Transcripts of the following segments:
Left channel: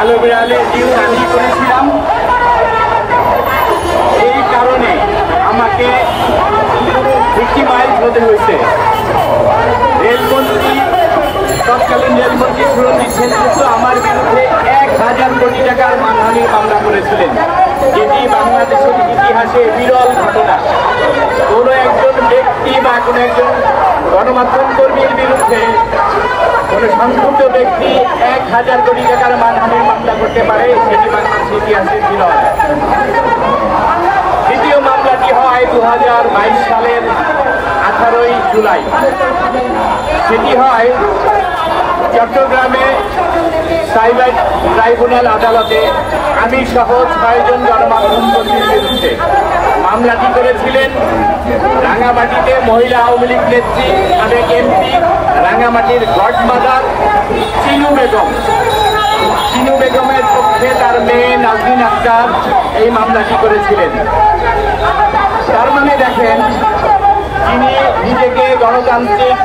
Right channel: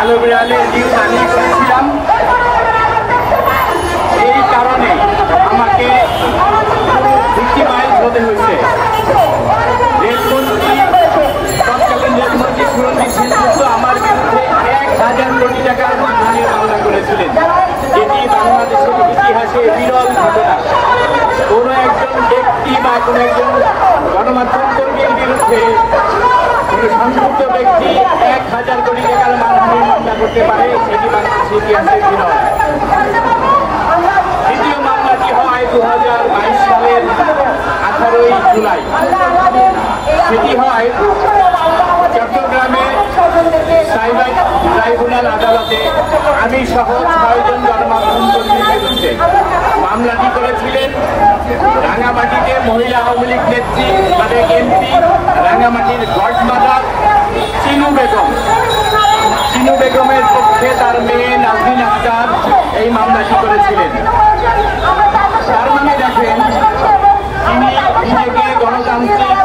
কালো বিড়ালের নিউজ আমি করেছিলাম। এই কারণে আমাকে ভিক্টিমাইজ হতে হয়েছে। রেলমন্ত্রী, তৎকালীন রেলমন্ত্রী সুরঞ্জিত সেনগুপ্ত আমার বিরুদ্ধে 1000 কোটি টাকার মানহানির মামলা করেছিলেন, যেটি বাংলাদেশের ইতিহাসে বিরল ঘটনা। কোনো একজন ব্যক্তি বা কোনো একজন গণমাধ্যম কর্মীর বিরুদ্ধে কোনো সংক্ষুব্ধ ব্যক্তি 1000 কোটি টাকার মানহানির মামলা করতে পারে, সেটি বাংলাদেশের ইতিহাসে বিরল। দ্বিতীয় মামলাটি হয় 2022 সালের 18ই জুলাই। সেটি হয় চট্টগ্রামে সাইবার ট্রাইব্যুনাল আদালতে আমি সহ 6 জন গণমাধ্যম কর্মীর বিরুদ্ধে। মামলাটি করেছিলেন রাঙামাটিতে মহিলা আওয়ামী লীগ নেত্রী, সাবেক এমপি, রাঙামাটির গডমাদার চিনু বেগম। চিনু বেগমের পক্ষে তার মেয়ে নাজনীন আক্তার এই মামলাটি করেছিলেন। তার মানে দেখেন, তিনি নিজেকে গণতান্ত্রিক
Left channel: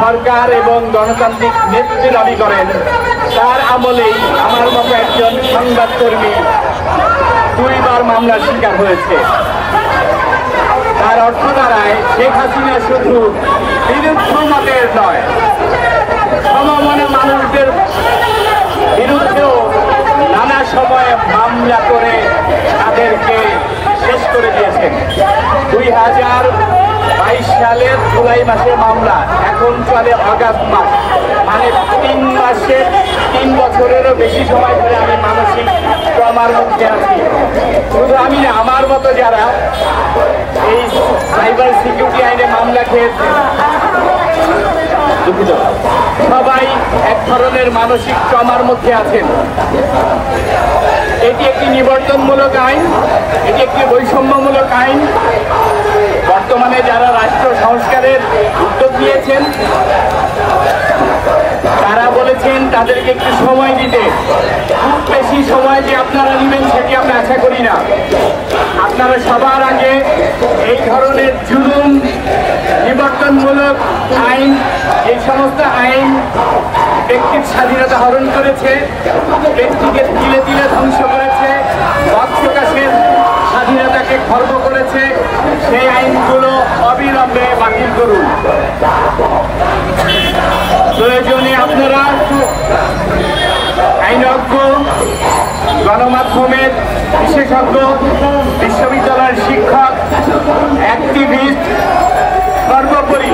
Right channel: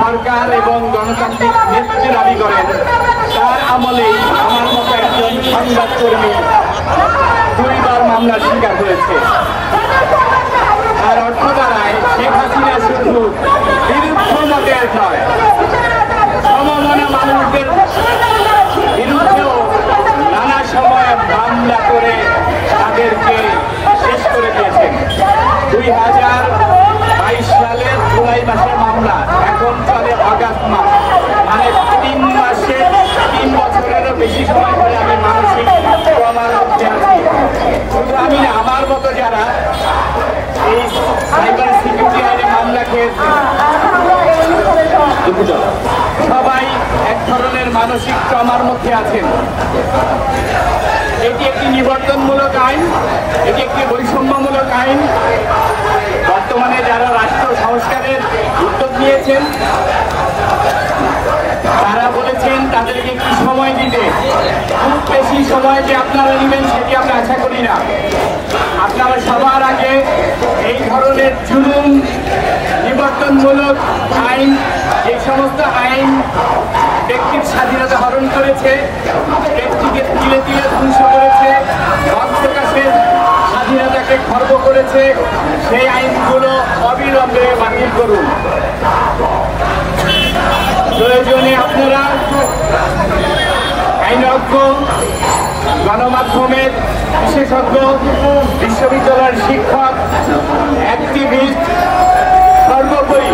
সরকার এবং গণতান্ত্রিক নেতৃত্ব দাবি করেন, তার আমলেই আমার মতো একজন সংবাদকর্মী 2 বার মামলার শিকার হয়েছে। তার অর্থ দাঁড়ায় শেখ হাসিনা শুধু বিরুদ্ধ মতের নয়, সমমনা মানুষদের বিরুদ্ধেও নানা সময়ে মামলা করে তাদেরকে শেষ করে দিয়েছেন। 2022 সালের জুলাই মাসে মামলা, এখন চলে অগাস্ট মাস, মানে 3 বছরেরও বেশি সময় ধরে আমি মানসিক ট্রমার মধ্যে আছি। শুধু আমি না, আমার মতো যারা এই সাইবার সিকিউরিটি আইনে মামলা খেয়েছে, দুঃখিত, সবাই এক ধরনের মানসিক ট্রমার মধ্যে আছেন। এটি একটি নিবর্তনমূলক আইন, এটি একটি বৈষম্যমূলক আইন। বর্তমানে যারা রাষ্ট্র সংস্কারের উদ্যোগ নিয়েছেন তারা বলেছেন তাদেরকে একটু সময় দিতে। খুব বেশি সময় যে আপনারা নেবেন সেটি আমরা আশা করি না। আপনারা সবার আগে এই ধরনের জুলুম, নিবর্তনমূলক আইন, এই সমস্ত আইন ব্যক্তির স্বাধীনতা হরণ করেছে, ব্যক্তিকে তিলে তিলে ধ্বংস করেছে, মত প্রকাশের স্বাধীনতাকে খর্ব করেছে, সেই আইনগুলো অবিলম্বে বাতিল করুন। প্রয়োজনে আপনারা আইনজ্ঞ, গণমাধ্যমের বিশেষজ্ঞ, বিশ্ববিদ্যালয়ের শিক্ষক, অ্যাক্টিভিস্ট, সর্বোপরি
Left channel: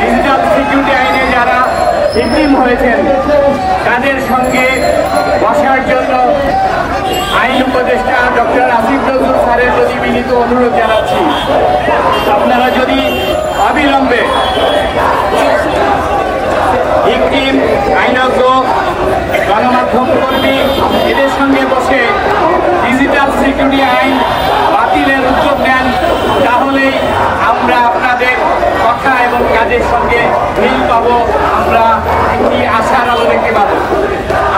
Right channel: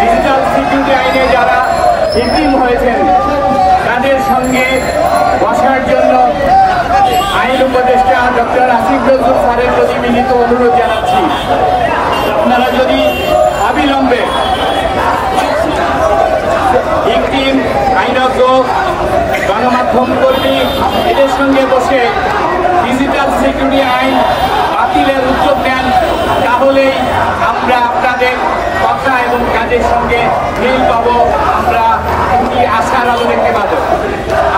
ডিজিটাল সিকিউরিটি আইনে যারা ভিকটিম হয়েছেন তাদের সঙ্গে বসার জন্য আইন উপদেষ্টা ডক্টর আসিফ নজরুল স্যারের প্রতি বিনীত অনুরোধ জানাচ্ছি। আপনারা যদি অবিলম্বে ভিকটিম, আইনজ্ঞ, গণমাধ্যম কর্মী এদের সঙ্গে বসে ডিজিটাল সিকিউরিটি আইন বাতিলের উদ্যোগ নেন, তাহলেই আমরা আপনাদের কথা এবং কাজের সঙ্গে মিল পাব, আমরা একটি আশার আলো দেখতে পাব।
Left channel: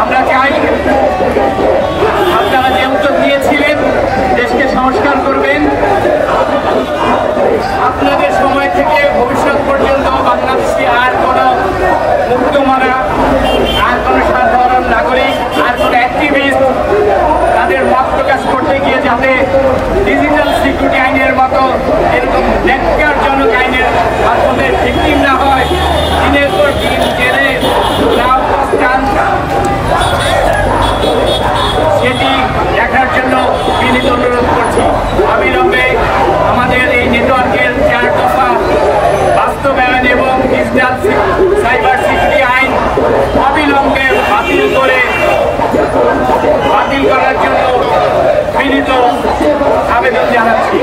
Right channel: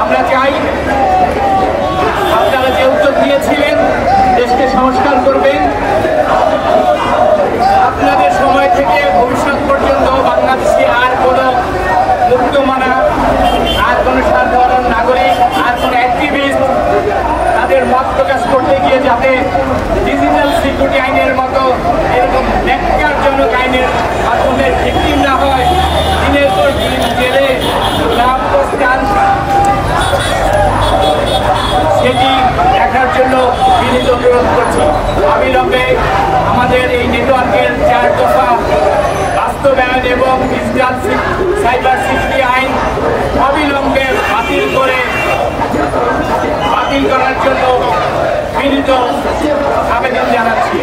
আমরা চাই আপনারা যে উদ্যোগ নিয়েছিলেন, দেশকে সংস্কার করবেন, আপনাদের সময় থেকে ভবিষ্যৎ পর্যন্ত বাংলাদেশে আর কোনো মুক্তমানা, আর কোনো সাধারণ নাগরিক, আর কোনো অ্যাক্টিভিস্ট তাদের মত প্রকাশ করতে গিয়ে যাতে ডিজিটাল সিকিউরিটি আইনের মতো এরকম ন্যাক্কারজনক আইনের মাধ্যমে ভিকটিম না হয়, দিনের পর দিন জেলে লাভস্থান, সেটি দেখার জন্য বিনীত অনুরোধ করছি। অবিলম্বে আমাদের এই নেটওয়ার্কের 4 দফা বাস্তবায়ন এবং ডিজিটাল সাইবার সিকিউরিটি আইন অবিলম্বে বাতিল করার জন্য বিনীত আবেদন জানাচ্ছি।